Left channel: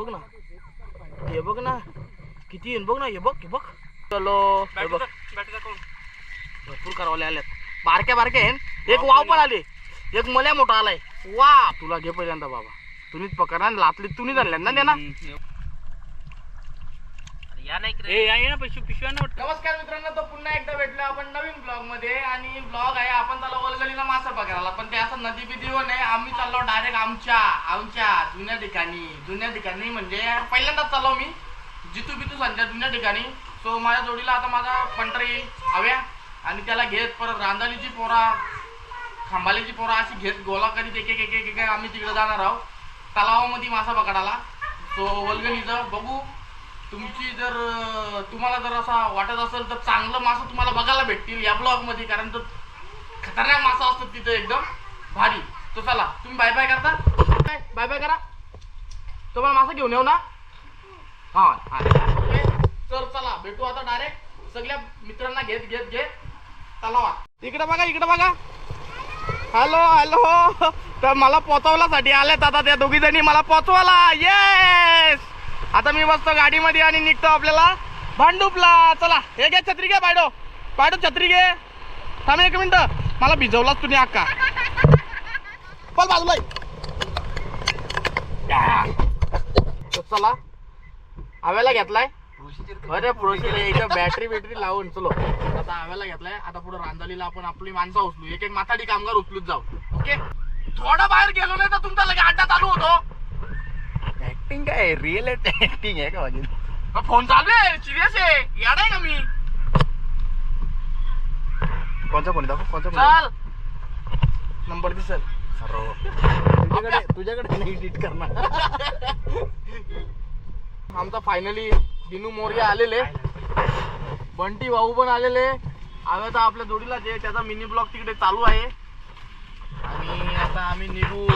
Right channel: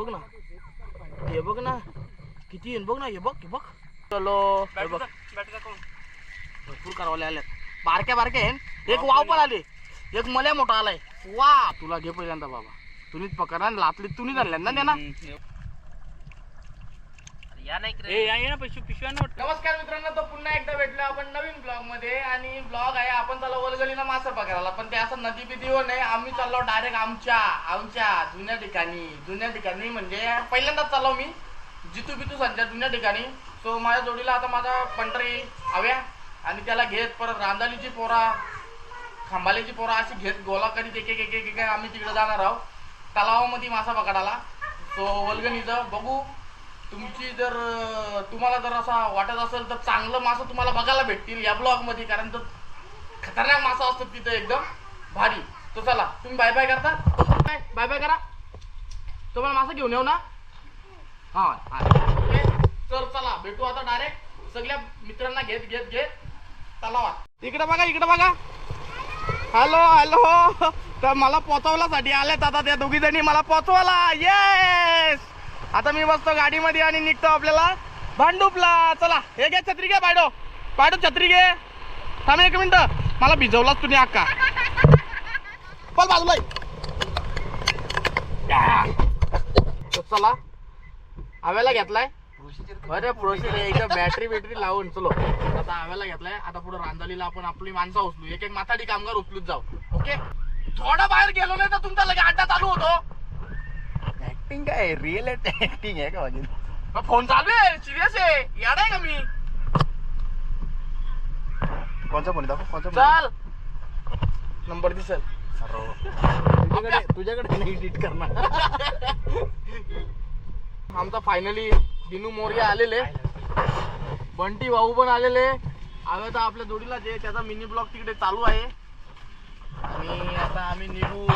बघ ना. हे बघ ना. किती येईन बघ ना. हे बघ हे बघ. चलो हे बघ. भरपूर कारवाले आल्यात बारक्या बारक्या आहे एक वाव पण आले. एक मल्या मोठा आलाय. वा तुला घे पहिल्यांदा बाबा. तुम्हीच पकडा लातली तुम्ही आणल्या ना नमस्कार मित्रांनो तो पुन्हा एकदा भेटलो आपण नवीन ब्लॉगमध्ये आणि ब्लॉग आहे आपण चाललो वलगलीला मासा पकडायला. पण ते असं नदी बिदी हो नाही आम्ही चाललो डायरेक्ट आमच्या आमच्या जुन्या ठिकाणी. जुन्या ठिकाणी म्हणजे पहिल्यांदाच चाललो मी. जितू बितू संच्या जुन्या ठिकाणी. सो माझ्या जोडीला आता माझा पंटर येईल हव्या. आणि त्याला घेत परत रांदालीची पोरा खांबालीची पोरा अशी घेत गोला करीत एक एक एक एक एक आम्ही तिकडे जाणार आहोत. तलावामध्ये मासा पकडायला. सो वलगलीचं बघू. तुमची जर तुम्हाला जर असा वाटत असेल तर चांगलं मासं तुम्हाला बघायला भेटतील या ब्लॉगमध्ये कारण तर खतरनाक मासा असतात तिथे एकदम. भारी. तो चला तुम्ही बाय बाय करता. बाय बाय करा. तुम्हाला मासा घेऊन येऊ ना? हा ओके तर चला भेटू आता डायरेक्ट सगळ्या मित्रांना घेत घेत घेत. तलावात इकडे बघा इकडे बघा. हॅलो हॅलो तर मला पोचवल्यासाठी आल्यात आता त्या दोघी जणी मला पोचवायला. येस आता मी बसतो गाडीमध्ये आणि निघतो आपल्याला. भांडूपला चला हे घे छत्री घे बायडो बायडो छत्री घे. थांब एक मिनिट. मला भिजवलाच तुम्ही अक्का पल बाजूला. चला. हवेला घेतलाय. अरे प्रोशील इथं बॅटरी बॅटरी लावून चलो. आता हवेला घेतलाय. आता पुढे रांजलीला आपण आपली माणसं उचलू. एक एक माथाडी कामगार उचलूच जाऊ. ओके? थोडा बाहेर गेलो नाही तर तुमचा लगे अड्डा चालू होतो. ऍक्टिंग काय रिअल ऍक्टिंग आहे का माझी मग फोन चालू आहे सिरियस आहे याड आहे का मी कोणचा फोन दाखव कोणचा चल नंबर दिसल तुझ्याकडे तुझ्याकडे नाही एडिट करणार आमचा फायनली दिनू मोर्या आलेले बंटी भाऊ पण आलेले आता आपल्या जोडीला जे त्याचा मिनी ब्लॉग तिकडे चालू आहे आणि आता आम्ही निघू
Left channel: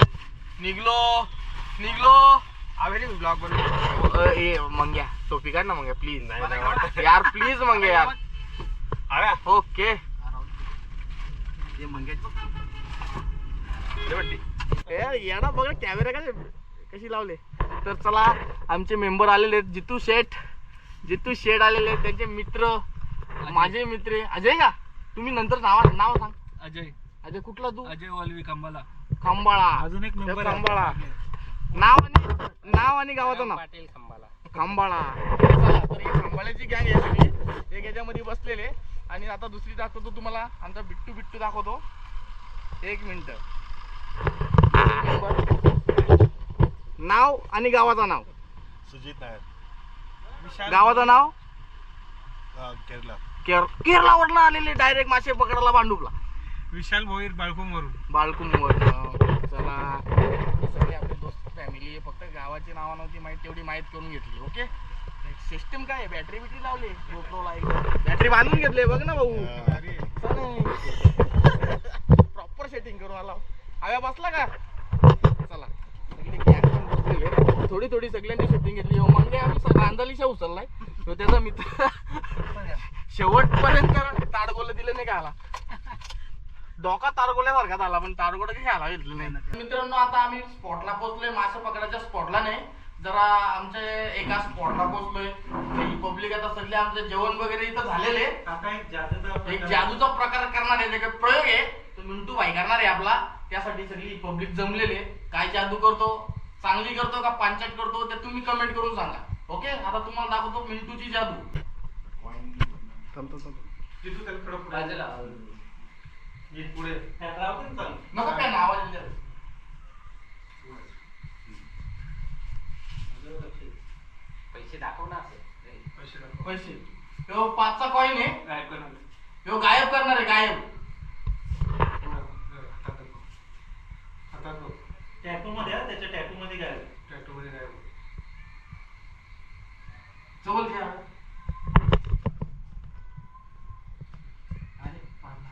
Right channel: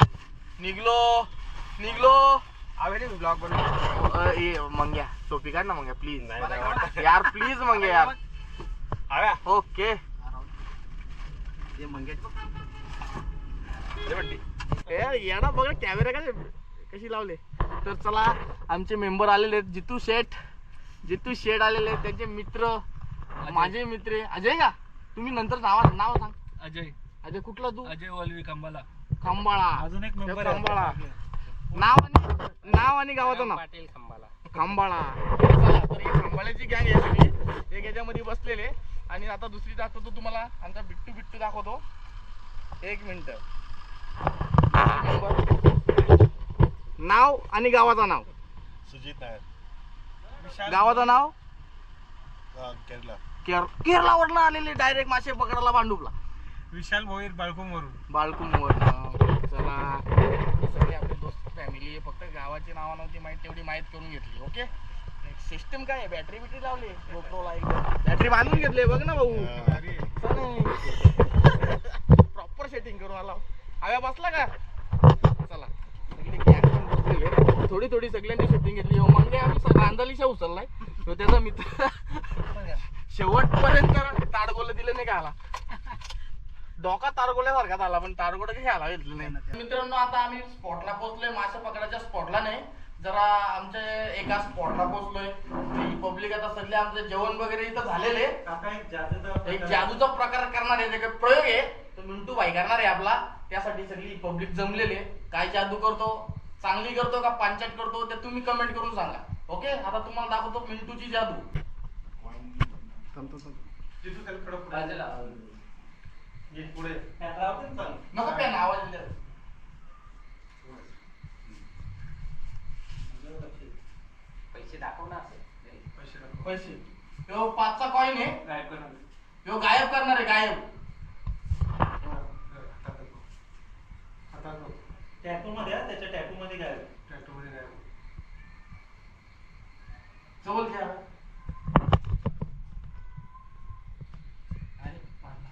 निघलो निघलो ब्लॉग बनव अ, ए मंग्या टोपी काढ ना मंग्या प्लीज यार प्लीज मंग्या यार. ओके. याडा बघा कॅमेरा का कशी लावले? तर चला आमचे मेंबर आलेले आहेत जितू शेठ. जितू शेठ आलेले आहेत त्यांचे मित्र. माझे मित्र अजय का? तुम्ही नंतर नाव नाव सांग. अजय. अजय कुठला तू? अजय वलवी कंबाला खांबाळा अजून एक member आहे. खांबाळा नाव आणि नाव आणि गावाचं नाव. पाटील कंबाला खांबाळा. चला तर ही खांबाळ्याची गँग आहे सगळी. एक याच्यामध्ये बसलेले. आणि आता दुसरी दाखवतो तुम्हाला. आमचा बिट्टू बिट्टू दाखवतो. एक मिनिट. नाव आणि गावाचं नाव. सुजित नायर. गावाचं नाव? केरला. केर केरळावरनं आलेले डायरेक्ट मासे पकडायला भांडूपला विशाल भोईर बाळकुम वरून बाळकुंवर चला सगळे आपले दोस्त फॅमिली फक्त नावं नव्हती माहिती तेवढी माहीत करून घेतली ओके सिस्टम काय बॅटरी बिटरी लावली बॅटरी बांधून घेतली बघ ना भाऊ. प्रॉपर सेटिंग करून आला हव्या बसला का? चला. थोडी थोडी सगळ्यांनी शूटिंग घेतली हो म्हणजे आम्ही रांदालीशा उचललाय. तो त्याचा मित्र शेवटपर्यंत ताडगोला दिले नाही का आला डोका तारगोल्यासारखा झाला पण तारगोला काही आला घेतलं नाही. मित्रांनो आता आम्ही स्पॉटला पोहोचलोय. मासे पकडायच्या स्पॉटला नाही. जरा आमच्या एका स्पॉटला पोहोचलोय. पब्लिक आता सध्या आमचं जेवण वगैरे इथं झालेले एक जादूचा प्रकार करणार आहे त्याचा प्रयोग आहे. तो मिंटू भाई करणार आहे आपला. त्यासाठी सगळी पब्लिक जमलेले काय जादू करतो चांगली करतो का पांचट करतो ते तुम्ही कमेंट करून सांगा. ओके आता तुम्हाला दाखवतो मिंटूची जादू. नको पेन आवाज पैसे दाखव ना पैसे ह्यो पाचचा कॉईन आहे. ह्यो गायब करणार आहे. गायब टॅटू मध्ये हा, त्याच्या टॅटू मध्ये काय जवळ घ्या. अरे, पाडला.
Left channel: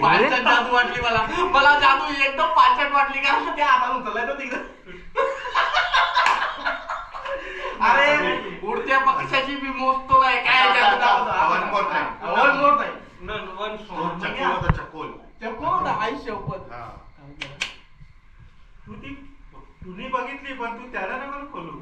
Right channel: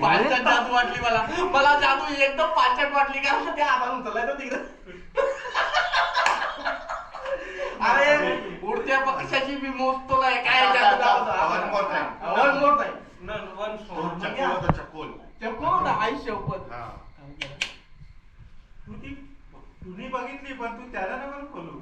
पाचट जादू वाटली मला. मला बाटली एकदम पाच वाटली का? ते आता उचलला तो तिकडं. अरे उडत्या पक्षाची मी मोजतो नाही काय तुम्ही बघितली पण तू त्याला पण खोलू.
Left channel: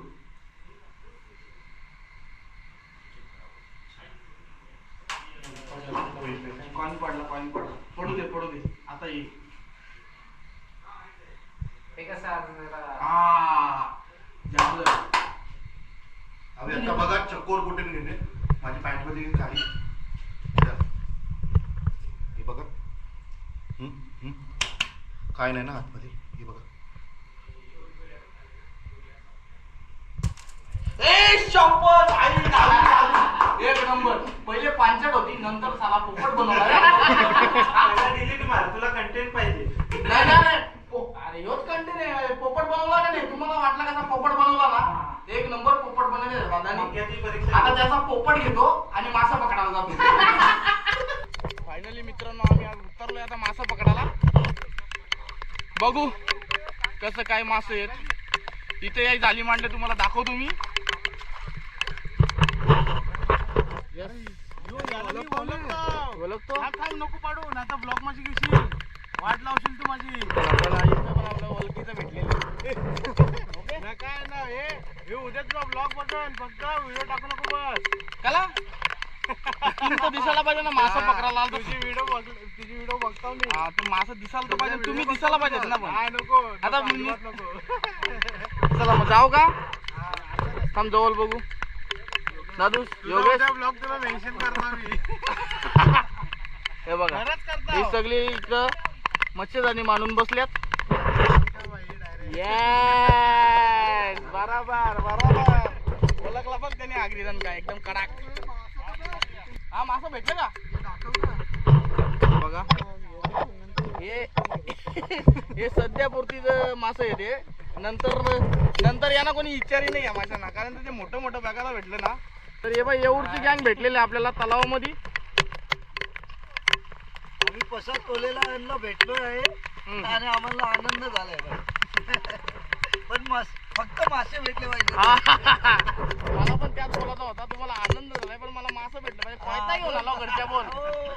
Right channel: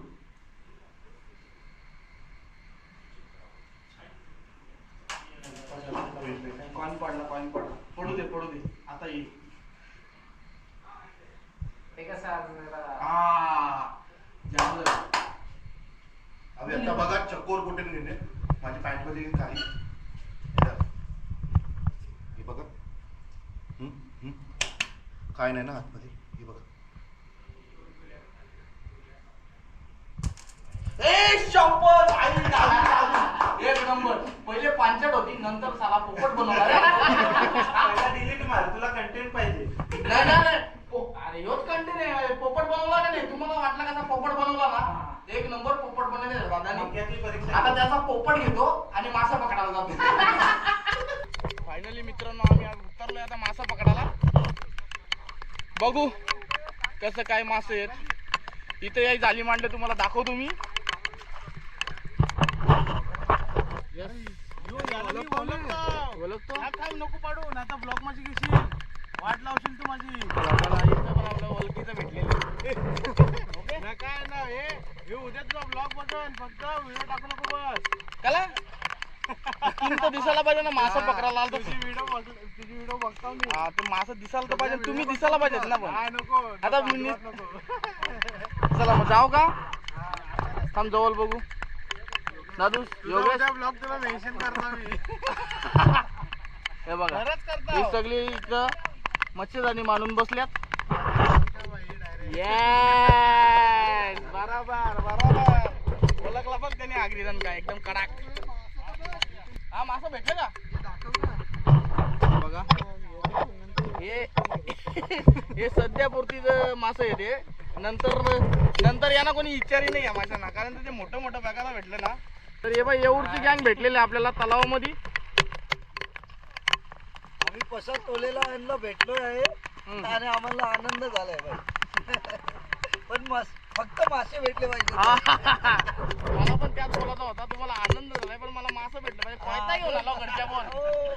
पडला पडला. पडू दे पडू दे. आता येईल अबे आता बघा चकोर कुठे नेले? माझी पॅन्टमध्ये काही हे बघा. हम्म, हम्म. काय नाही ना आतमध्ये? हे बघा. एक नंबर. पहिले पांचट होती नंतर साला पोपट बनवला. रे. पहिला डिलीट मार तुला कंटेंट पाहिजे. नाही नाही, अरे ह्योच कंटेन आहे पोपट बनवला का नाही? तुम्हाला वाटला कसा पोपट बनवला ना? एक नंबर पोपट बनवले दादानी परीक्षा. आता त्याचा पोपट घेतो आणि मासा पकडायला जातो. फायनली मित्रांनो आम्ही आज उतरलोय आता मासा पकडायला. बघू कसं काय मासे आहेत. इथे याही जाली मांडले तुम्हाला दाखवतो मी. ओळखतो नको पाडू ना आता ब्लॉक माझी घेशील. वाट लावशील तू माझी. आपलं ओळखीचं भेटलेलं. ना काय ना हे उद्या तुला ब्लॉग बघल फक्त व्हिडिओ टाकू नको बस. कला? तर दिसायला पाहिजे ना मासा पकडायला तुझी व्हिडिओ तुझी व्हिडिओ बघतो मी. हा तू मासा दिसायला तर पाहिजे तुम्ही दिसायला पाहिजेत ना पण. नको आता नको, चला मग जाऊ का? थांब जवळ बघू. दादू योगेश. ब्लॉग तुला मेन्शन करतो मी. हे बघा. ही सगळी इथं मच्छीदानी मांडून बसल्यात. डायरेक्ट येस बरोबर बरोबर. ओळखला बघ त्याने आगरीजन काय एकदम कडाक. हा मासा भेटलं का? बघा. हे हे सध्या पुरतीच मासं येते नंतर नंतर यांना कोणी इच्छारी नाही या माशांना. कारण ते मोठं मोठं बघायला भेटलं ना तर हे बाई एवढची गँग भेटलेली आहे आपल्याला तलावामध्ये. पसा टोलेला आणलं भेटलो आहे. आणि आम्हाला आनंद झालाय पण मास फक्त मासे भेटले पाहिजे. मला पण त्याच बोलायचा होता तुम्हाला आनंद झालाय पण मला मासं भेटलं पाहिजे. फायदा घेऊन आला घरच्या बोल हो.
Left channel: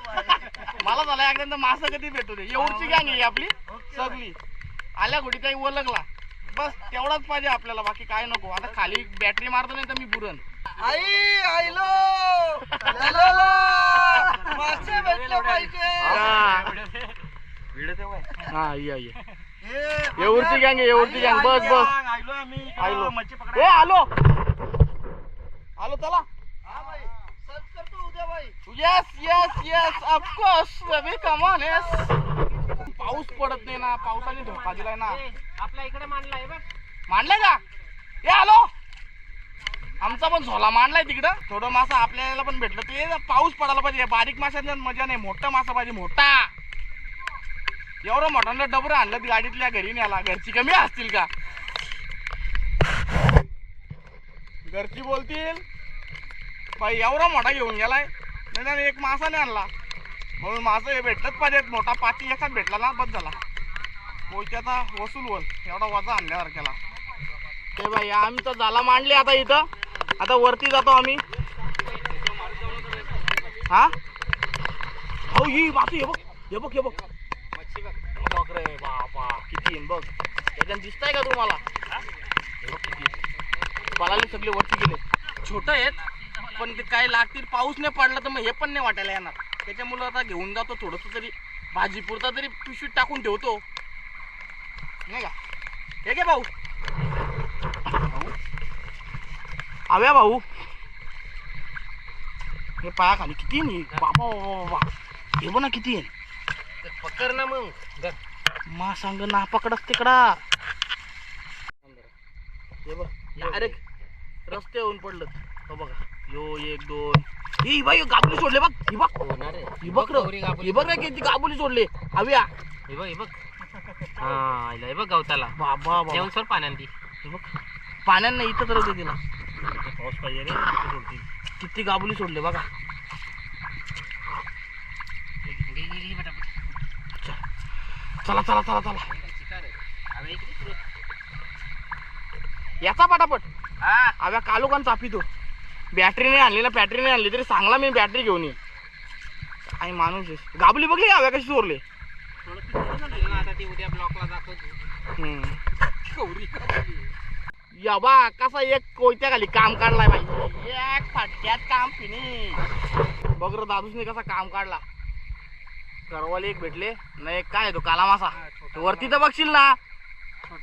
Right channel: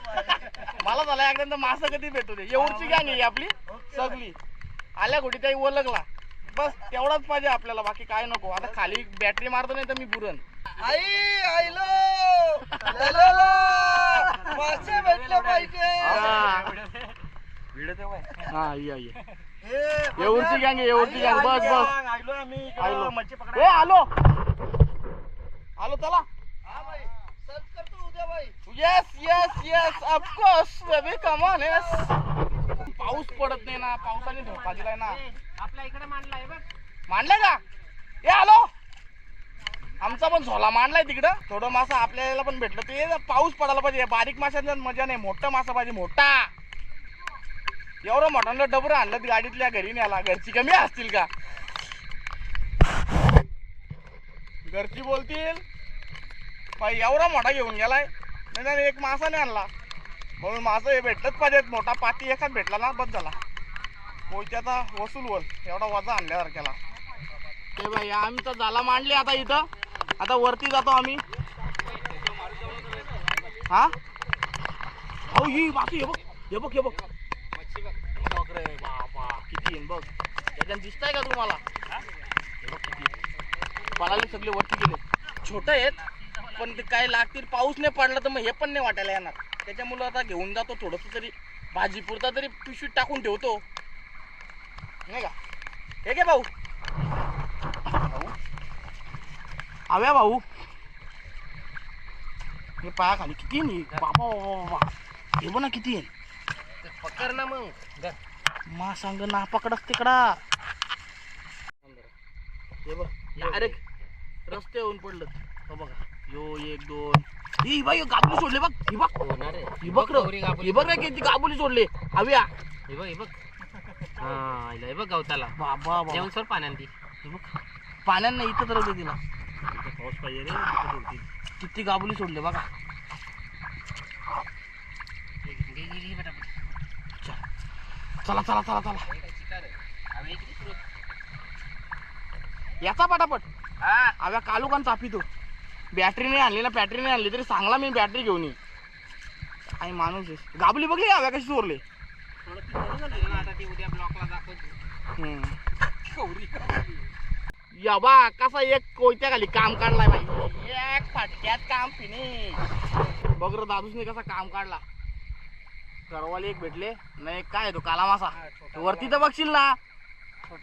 मला झाला एकदा मासं कधी भेटू दे. एवढची गँग आहे आपली सगळी. आल्या कुठे काही ओळखला बस तेवढाच पाहिजे आपल्याला बाकी काय नको. आता खाली बॅटरी मारतो नाही तर मी पुरण. आई आईलो. मासे भेटले पाहिजे. हा. ये ये. हे एवढची गँग एवढची गँग. बस बस. आम्ही. आलो. मच्छी ए आलो. आलो चला हा yes yes yes of course baby come on yes पाऊस पडत नाही ना पावसाने धोका दिलाय ना. आपल्या इकडे मांडलाय बघ. मांडलाय का? ए आलो. आमचा पण झोला मांडलाय तिकडं. थोडं मासा आपल्याला पण भेटलं. ते पाऊस पडायला पाहिजे. बारीक माशांचा मजा नाही. मोठा मासा पाहिजे. मोठा. एवढं मोठ्यानं डबर आणलं गाडीतल्या घरी न्याला घरची कमी असतील का? घरची बोलतील. पाय एवढा मोठा घेऊन गेलाय. नाही एक मासा नाही आणला. म्हणून माझं हे भेटलंच पाहिजे मोठा पाती एकाच भेटला ना बस झाला. पोयत्याचा वसूल वर एवढा वजा आणल्यावर केला ते बाई आम्ही तर झाला मांडले आता इथं. आता वरती जातो आम्ही. हा? हो ही मासू हे बघ. हे बघ हे बघ. बघ रे बाबा किती बघ. त्याच्यात दिसताय का तुम्हाला? हे बघ किती सगळे वरती गेले. छोट आहेत पण ते काय लागतील पाऊस नाही पडला तर मग हे पण नाही वाटायला येणार. त्याच्यामुळं आता घेऊन जातो थोडस तरी भाजी पुरता तरी पिशवीत टाकून ठेवतो. नाही का? हे घे भाऊ. आव्या भाऊ. हे पायाखाली किती आहे? नी? बाबा बाबा. हे बघ ना किती आहे. पकड ना मग. मा सांग ना पकडच तिकडा. हे बघ. डायरेक्ट रस्ते येऊन पडलं. हो बघा. यो एक दोन. ही बाई गाबुली सोडले बघ. ही बघ. होणार आहे ही बघ रे. ही बघ रे किती गाबुली सोडले. हव्या हे बघ हे बघ. हा हे बघ गवताला. बाबा बाबा. जेवण सर पाण्यात. ती हे बघ. नाही इथं तर तिला. पाऊस पाहिजे रे. सोडतील. किती गाबुली सोडले बघा. चला. चला चला चला. याचा पटापट. आव्या कालोखान चापितो बॅटरी नाही आणली ना बॅटरी नाही आणली तरी सांगला मी बॅटरी घेऊन ये. काय माणूस गाबली बघली आव्या कशी चोरले? आता ती उद्या ब्लॉकला दाखवतो. या बा कसा एक कोयत्या खाली काम काढलाय बाई. एक फटक्यात काम फिनिश बघ रे दादूसने कसा काम काढला. करवाली एक भेटले नाही काय तो काला मासा? तो वरती तर बघशील ना.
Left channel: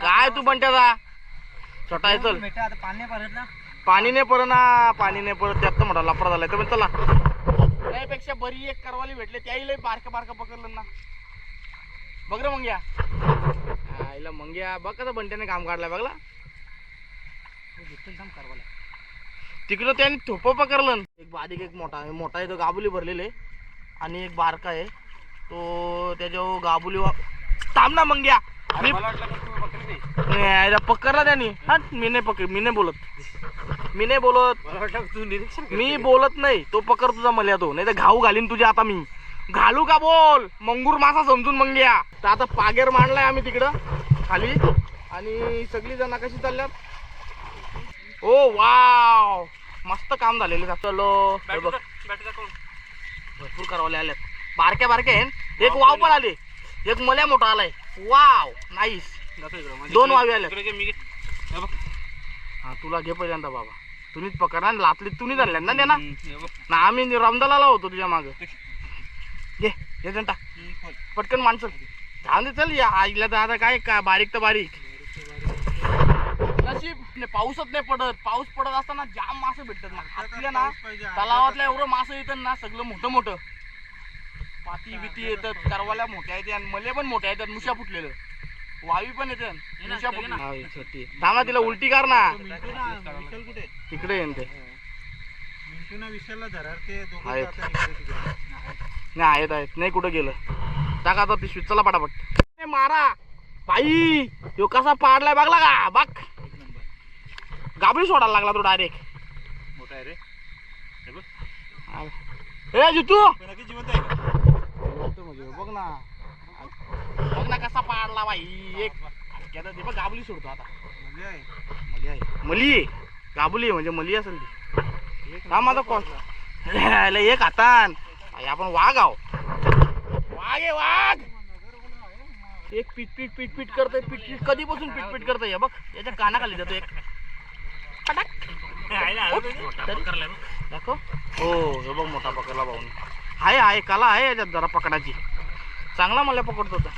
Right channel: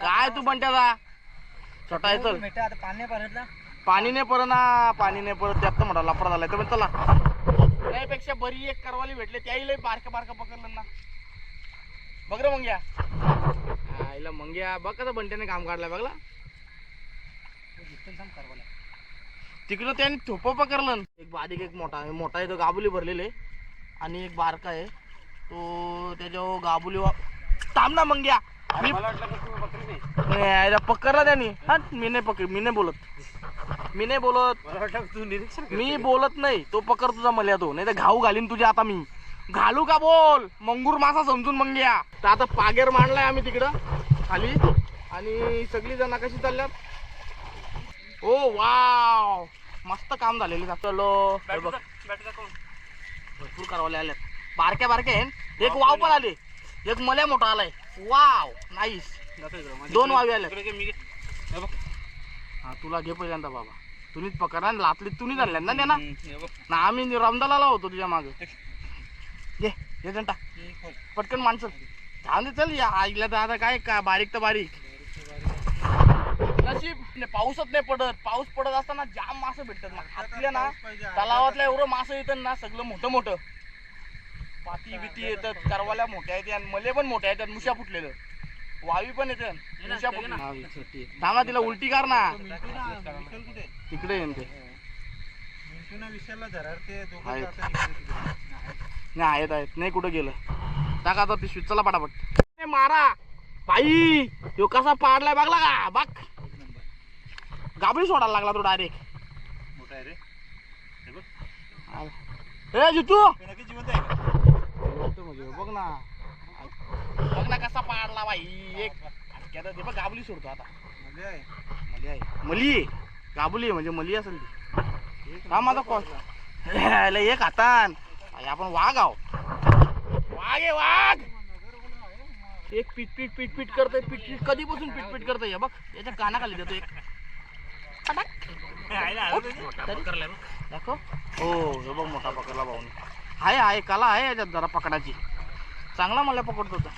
काय तू बंट्याचा? छोटा आहे चल बेटा आता पाणी परत ना. पाणी नाही परत ना पाणी नाही परत. त्यात मोठा लफडा झालाय. तर चला. त्यापेक्षा बरी एक करवाली भेटले त्याही लय बारका बारका पकडलं ना. बघ रे मंग्या. आईला मंग्या बघ कसं बंट्याने काम काढलाय बघला. तिकडं त्याने थोप पकडलं. एक बारीक एक मोठा आहे. मोठा आहे तो गाबुली भरलेले आणि एक बारका आहे. तो त्याच्या गाबुली थांब ना मंग्या. मी नाही, यायला पकडला त्यांनी. हा मी नाही पकड मी नाही बोलत. मी नाही बोलत. तू निरीक्षण मी बोलत नाही. तो पकड तुझा मला तो. नाही तर घाऊ घालीन तुझ्या आता मी. घालू का बोल? मंगूर मासा समजून मग घ्या तर आता पागेर मांडलाय आम्ही तिकडं. खाली. आणि सगळी जण कशी चालल्यात. Oh wow. मस्त काम झालेलं चलो. बघ. भरपूर करवले आल्यात बारक्या बारक्या आहेत. एक वाव पण आले. एक मल्या मोठा आलाय. वाव. नाईस दोन वावी आल्यात हा तुला घे पहिल्यांदा बाबा. तुम्हीच पकडणार आणि लातलीत तुम्हीच आणल्या ना ना ना आम्ही रमदाला होतो तुझ्या माग. घे हे टाक. पटकन माणसं दे चल. या आईला तर आता काय का बारीक तर बारीक. नशीब नाही, पाऊसच नाही पडत. पाऊस पडत असताना जाम मासे भेटतात ना. हातल्या ना तलावातल्या एवढं मासे येतात ना सगळं मोठं मोठं. पाती बिती येतात करवाल्या मोठ्या येतात आणि मले पण मोठ्या येतात मुशा फुटलेलं वावी पण येतात मुशा फुटली थांबा तिला उलटी कर ना. तिकडे येईन ते. नाही आहेत आहेत. नाही कुठं गेलं. टाका आता पिशवीत चला पटापट. मारा. बाई तो कसा पाडलाय बघला का? बघ. गाबडी सोडायला लागला तो डायरेक्ट मोठा आहे रे. ए जितू! नक्की जिवंत आहे का? म्हणजे बघ ना. बघ ना कसा पाडला बाई. एक ते बघ गाबली सोडतो आता. मजा आहे. मली आहे. मली? आहे. गाबुली आहे म्हणजे मली असेल ती. हा माझा कॉल एक हातान. आई, आपण वाघ आहो. वाघ आहे वाघ! एक पीट पीट पीट पीट करतोय पीट पीट कधीपासून पीट पीट करतोय हे बघ. याच्या कानाखाली देतो एक. पटाक. तरी? दाखव. हो हे बघ मोठा पकडला भाऊन. आहे आहे कला आहे याच्यात जरा पकडाची चांगला मला पकडतो होता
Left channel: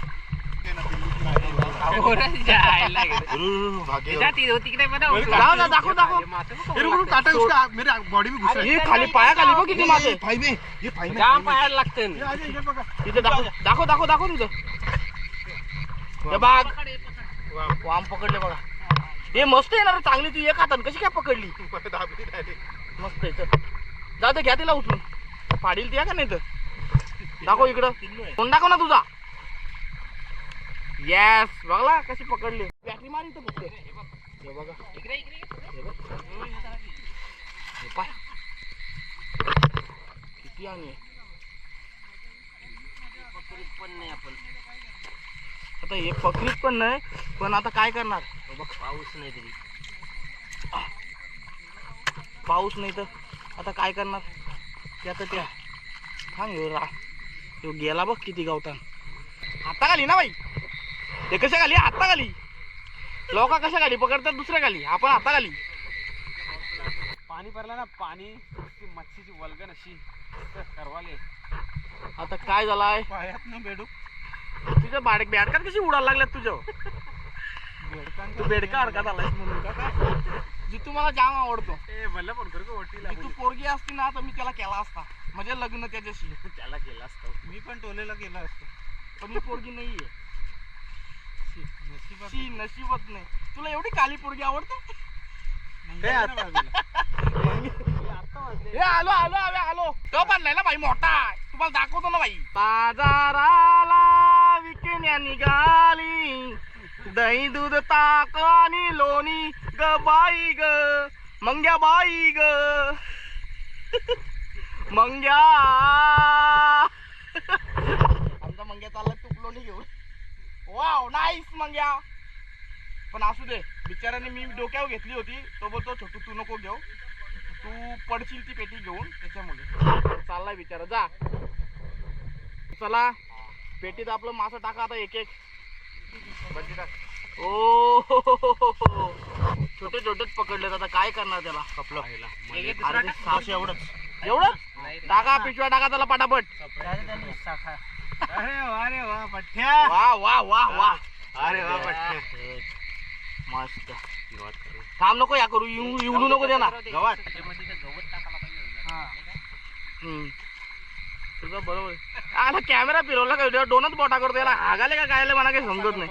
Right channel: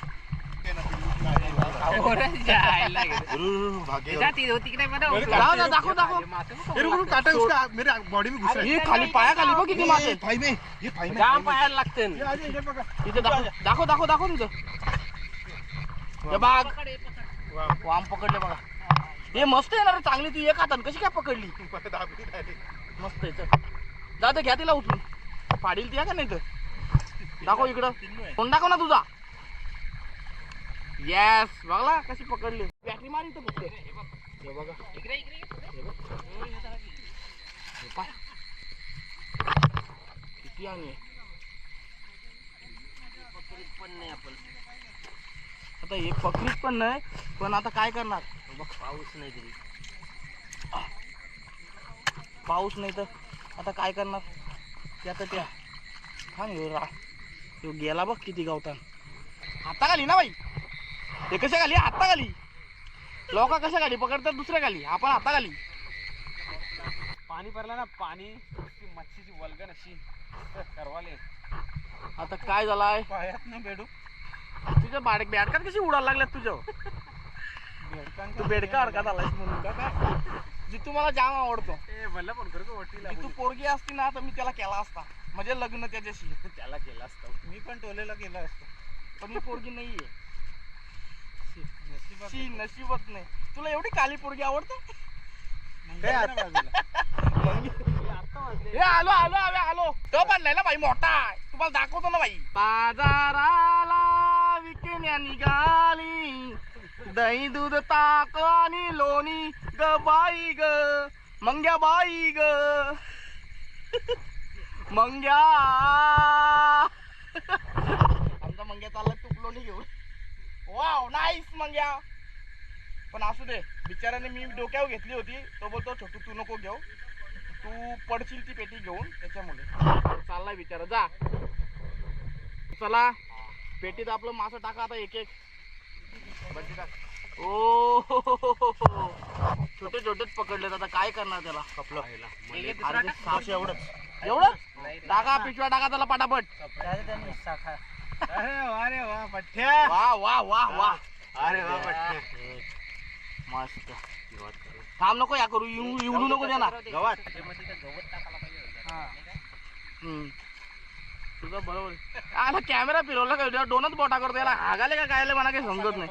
जाऊ ना दाखव दाखव. काटा उसका मेरे बॉडी में घुसा. हे खाली पाया खाली बघ किती मासे फाई में ये फाई में. जाम पाहायला लागते तिथे दाखव दाखव दाखव दाखव हे बाग वाम पकडले बघा. हे मस्त येणार चांगली ती एक हातात कशी काय पकडली? मस्त आहे चल. जा घ्या तिला उचलून. पाडील ती का नाही तर दाखव इकडं. कोण दाखव ना तुझा? येस बघला कशी पकडली. बॅटरी मारी तर फक्त. हे बघा हे बघ. हे पाय. किती आणि? आता हे पकडीत पण नाही पण आता काय करणार? बघ पाऊस नाही तरी. पाऊस नाही तर आता काय करणार? ते आता त्या थांब ह्यो रा ह्यो गेला बघ किती गावतान. हाता खाली ना बाई. हे कशा खाली हाता खाली लोक कशा खाली पकडतात दुसऱ्या खाली आपण हाता खाली पाणी भरलं ना पाणी ती मच्छीची वल्गन अशी करवाले. आता काय झालाय? पायात ना तुझ्या बाडक बॅडकात कशी उडायला लागल्यात तुझ्या तू बेडका म्हणून का काय? जितू मला जाम आवडतो. ए भल्ला पण कर वटीला जितू पोरगी असती ना तर मी त्याला केला असता. म्हणजे लग्न त्याच्याशी. त्याला केला असता. मी पण टोलेला गेलो असतो. पण मी पोरगी नाहीये. नशिबात शी नाही. तुला एवढी काली पोरगी आवडते. हे आलो आलो आलो आलो. तो बांधलाय ना बाई मोठा. तुम्हाला दाखवतो ना बाई. बाजाराला विकण्या निघाली दही दूध ताक आणि लोणी. ग बाई ग. मंग्या बाई ग. मंग्या. आमचा मंग्या चालला तूप लोणी घेऊन. Wow nice Mangya. पण असू दे बिचाराने मी डोक्यावर घेतली होती. तो बोलतो छोटू तू नको घेऊ. तू पडशील ती पेटी घेऊन त्याच्यामुळे. चाललाय बिचारा जा. चला पेटीत आपलं मासं टाका आता एक एक ओ छोटे छोटेच पकडलेत आता काय करणार त्याला? ते साप एवढंच. एवढं? टाका पिशव्या टाका त्याला पटापट. अरे वा अरे वा पठ्ठ्या. वा वा वा वा. अरे वा पठ्ठ्या. मस्त. थांब नको या करू येऊ येऊ नको दे ना गवात. हम्म. तुझं बरोबर. आहे. आला कॅमेरा फिरवला का डोनच बोटा करतो याला हागाले का कायले मला काही समजत नाही.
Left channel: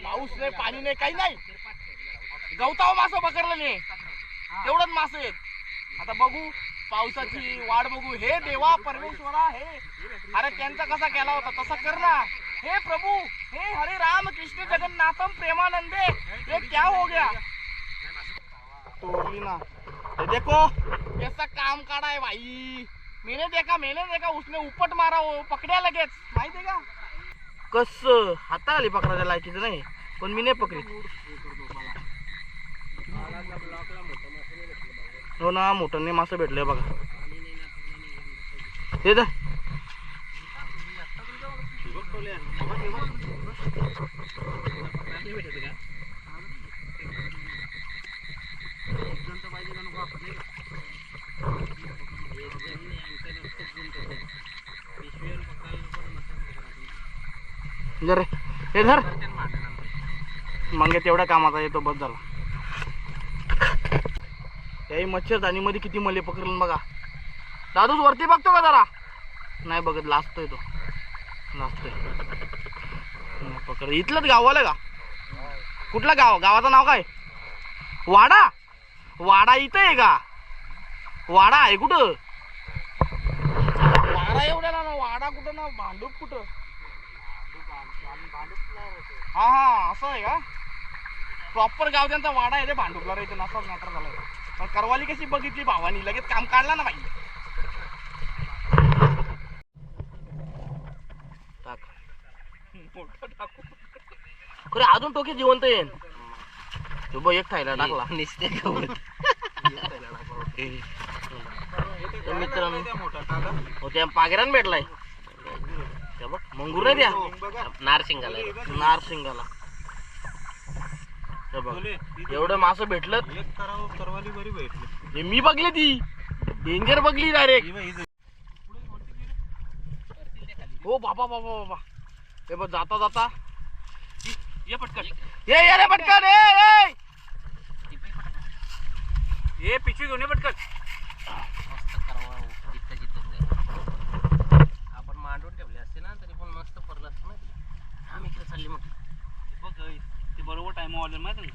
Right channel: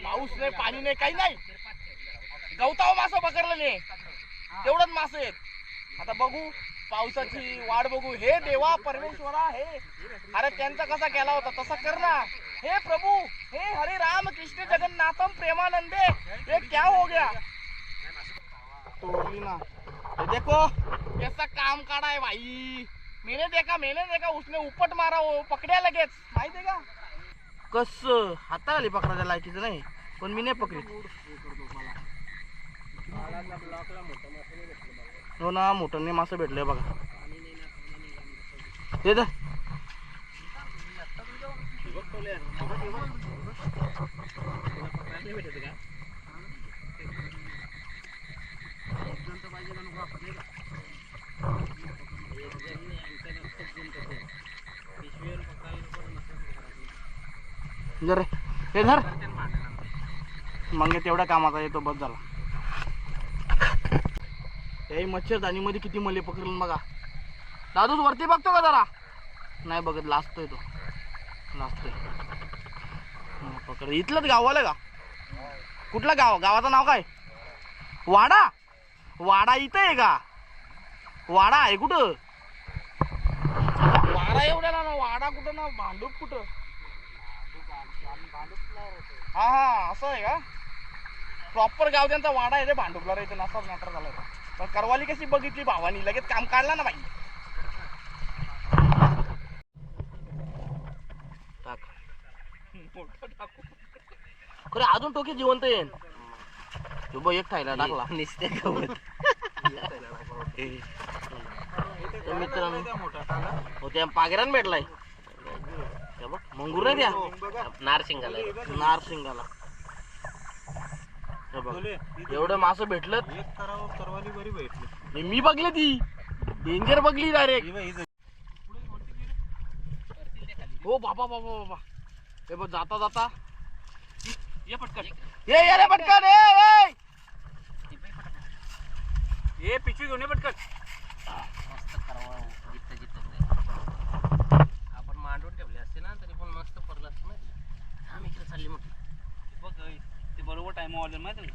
पाऊस नाही पाणी नाही काही नाही. गवताव मासं पकडलं नाही तेवढंच मासे आहेत. आता बघू पावसाची वाट बघू. हे देवा परमेश्वरा हे अरे त्यांचा कसा केला होता तसा कर ना. हे प्रभू हे हरे राम कृष्ण जगन्नाथम प्रेमानंदे. हे क्या हो गया? तोड़ली ना. देखो कैसा काम काढाय भाई मेहनत देखा मेहनत देखा उसने उपट मारा वो पकड्या लगेच. माहिती का? कस? आली पकडायला लायकीचं नाही. पण मी नाही पकडी. हो ना मोठ्याने मासे भेटले बघा. हे धर. जर हे धर. मग तेवढ्या कामाचा येतो बस झाला. त्याही मच्छरदाणी मध्ये किती मले पकडलं बघा. दादूच वरती बघतो का जरा? नाही बघत लाजतोय तो. लाजतोय. पकड. इथलंच गावाला का? कुठलं गाव? गावाचं नाव काय? वाडा? वाडा इथं आहे का? वाडा आहे कुठं? वाडा एवढ्या ना वाडा कुठं ना भांडूप कुठं? हा हा असं आहे का? प्रॉपर गाव त्यांचा वाडा आहे रे भांडुपला रे इथं असाच मॅटर झाला पण करवाली कशी बघितली भावानी? लगेच काम काढला ना बाई. टाक. खरे अजून टोके जिवंत येईन तो बघ एक ठायला टाकला. तर मित्रांनो. हो त्या पागेरान भेटलाय. मंगूर द्या. नारसिंगाला. नारसिंगाला. हे बघ एवढं मासं भेटलं एक करावं करवाली बरी भेटली. हे मी बघले ती. डेंजर बघली डायरेक्ट ही बाबा बाबा बाबा. हे बघ जाता जाता. ये पटकन. ये ये रे पटकन ए ए हे पिशवी घेऊन ये पटकन आपण मांडून ठेवले असते ना तरी पण मस्त पडलं असतं माहिती आम्ही इकडे चालली म्हटलं बघ ते बरोबर टाइम ऑर्डर माहिती ना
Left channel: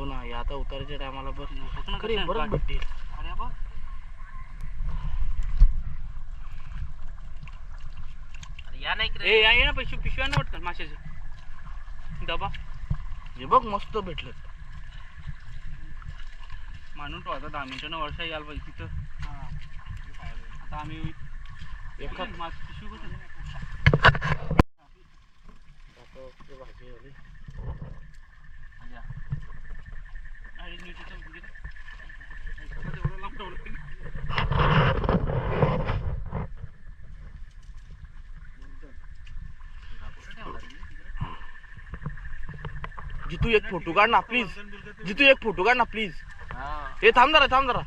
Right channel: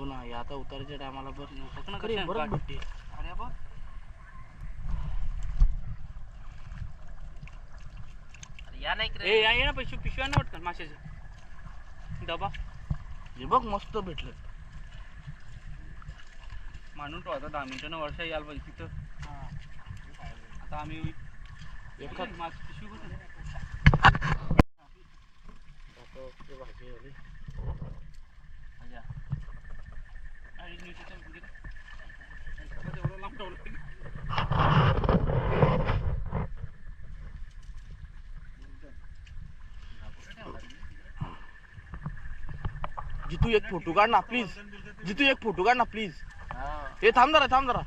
हो ना हे आता उतारायच्या टायमाला बरं आहे? भेटते अरे बघ या नाही ए या ये ना पिशवी पिशव्या ना पटकन माशाचे. डबा. हे बघ मस्त भेटलं मांडून ठेवायचा दहा मिनिटानं वर्षा यायला पाहिजे तिथं. आता आम्ही एखाद मास पिशवी कुठे? भाजी आली. आणि नीट इथं म्हणजे तेवढं लांब ठेवलं जितू एक फोटो काढ ना प्लीज जितू एक फोटो काढ ना प्लीज हे. थांब जरा थांब जरा.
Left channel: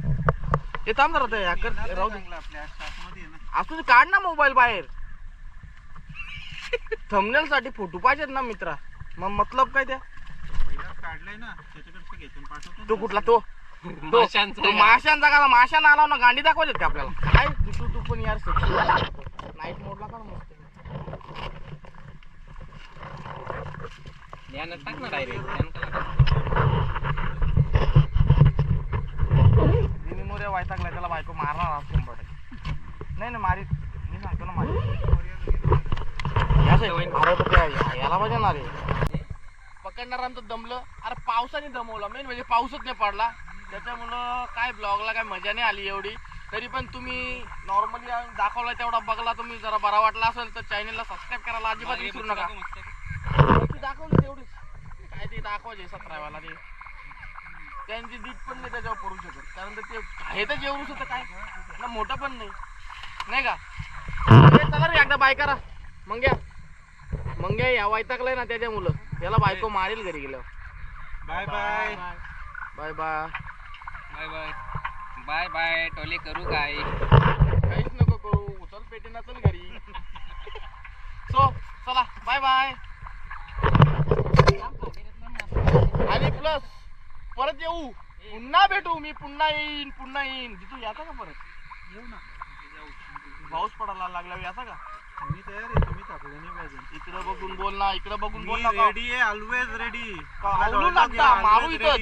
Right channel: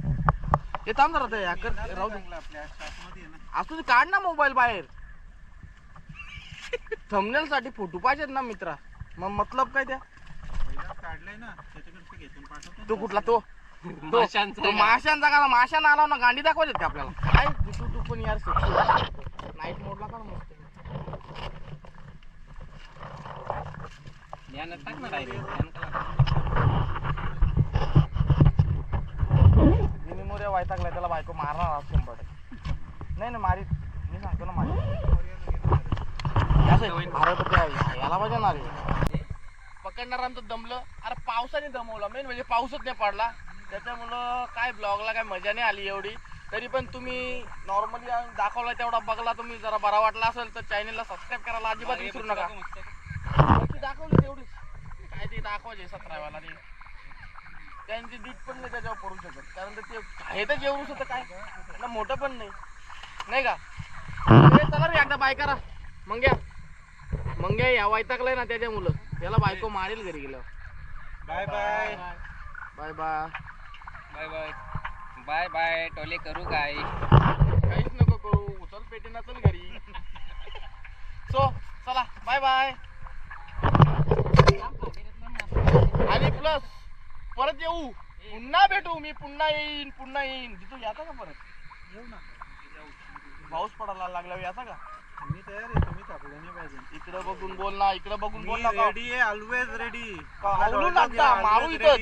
हे थांब जरा ते कर राहू दे. आपल्या आतमध्ये आहे ना असू दे काढ ना मोबाईल बाहेर. थंबनेल साठी फोटो पाहिजेत ना मित्रा. मग मतलब काय त्या? काढलाय ना पाठवतो. तो कुठला? तो. माशांचा का? माशांना आला ना गांडी दाखवायच्यात का आपल्याला? काय? तू तू पण यार नाईट मोडला का मस्त? ध्यानात टाक ना डायरेक्ट मी मोऱ्या वैतागलाय त्याला बायको मारणार आज शंभर टक्के. नाही नाही मारी मी सांगतो ना मारी असं आहे, अरे तो काय, याला पाहिजे ना रे पकडणारांचं दमलं. अरे पावसाने दमवलं. मेन म्हणजे पाऊसच नाही पडला. त्याच्यामुळं काय ब्लॉगला काय मजा नाही आली एवढी. तरी पण तुम्ही नॉर्मली दाखवला तेवढा बघला. तुम्ही जरा बरा वाटला असेल तर चॅनलला सबस्क्राईब करायला अजिबात विसरू नका. दाखवली तेवढीच. काय ते दाखवायचे सतराव्याला ते. त्यांची दीट पण नाही त्याच्यावर पडू शकत. कारण तर ते आहे तर जेवढूच होतं काय. ना मोठं पण नाही. नाही का? हे चला रे एकदा बाय करा. मंग्या मंग्या या वैतागलाय ना त्याच्या मुलं. त्याला बायको मारेल घरी गेलं bye bye. Bye bye. Bye bye. Bye bye. टोले करू काय? काहीच नको करू. उचल पेटीना चल आणि प्लस परत येऊ. पुन्हा भेटू. मी पुन्हा येईन पुन्हा येईन. तिथून याचा का परत? येऊ ना पाऊस पडायला लागला याचा का? मी तयार आहे तुम्ही पाहिजे इकडे बघून बोल ना इकडे बघून बोल ना रेडी आहे ऑलवेज रेडी मारू इथं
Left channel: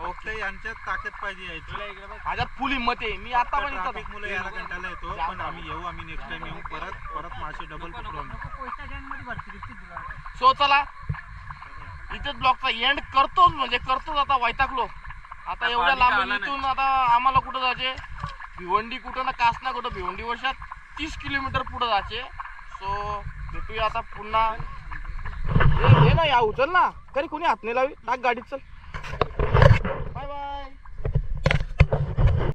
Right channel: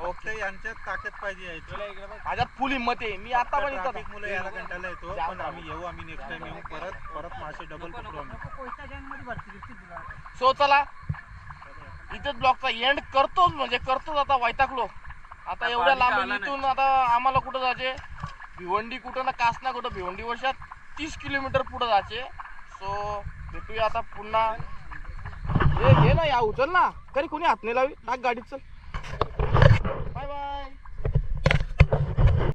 फक्त यांच्यात ताकद पाहिजे यायची माझ्यात फुल हिंमत आहे मी आता पण ट्रॅफिक इथं मुळे याला कंटाळा येतो पण आम्ही येऊ आम्ही नेक्स्ट टाइम येऊ. परत परत मासे डबल पकडू आम्ही. सो चला. इथेच ब्लॉकचा एंड करतोच म्हणजे करतोच आता वैतागलो. आता एवढ्या लांब इथून आता आम्हाला कुठं जायचे? भिवंडी कुठं ना कासना कुठं? भिवंडी वर्षात तीस किलोमीटर पुढे जायचे. सो भेटूया आता पुन्हा. ये ना या उचल ना. तरी कोणी हात नाही लावी. टाक गाडीत चल.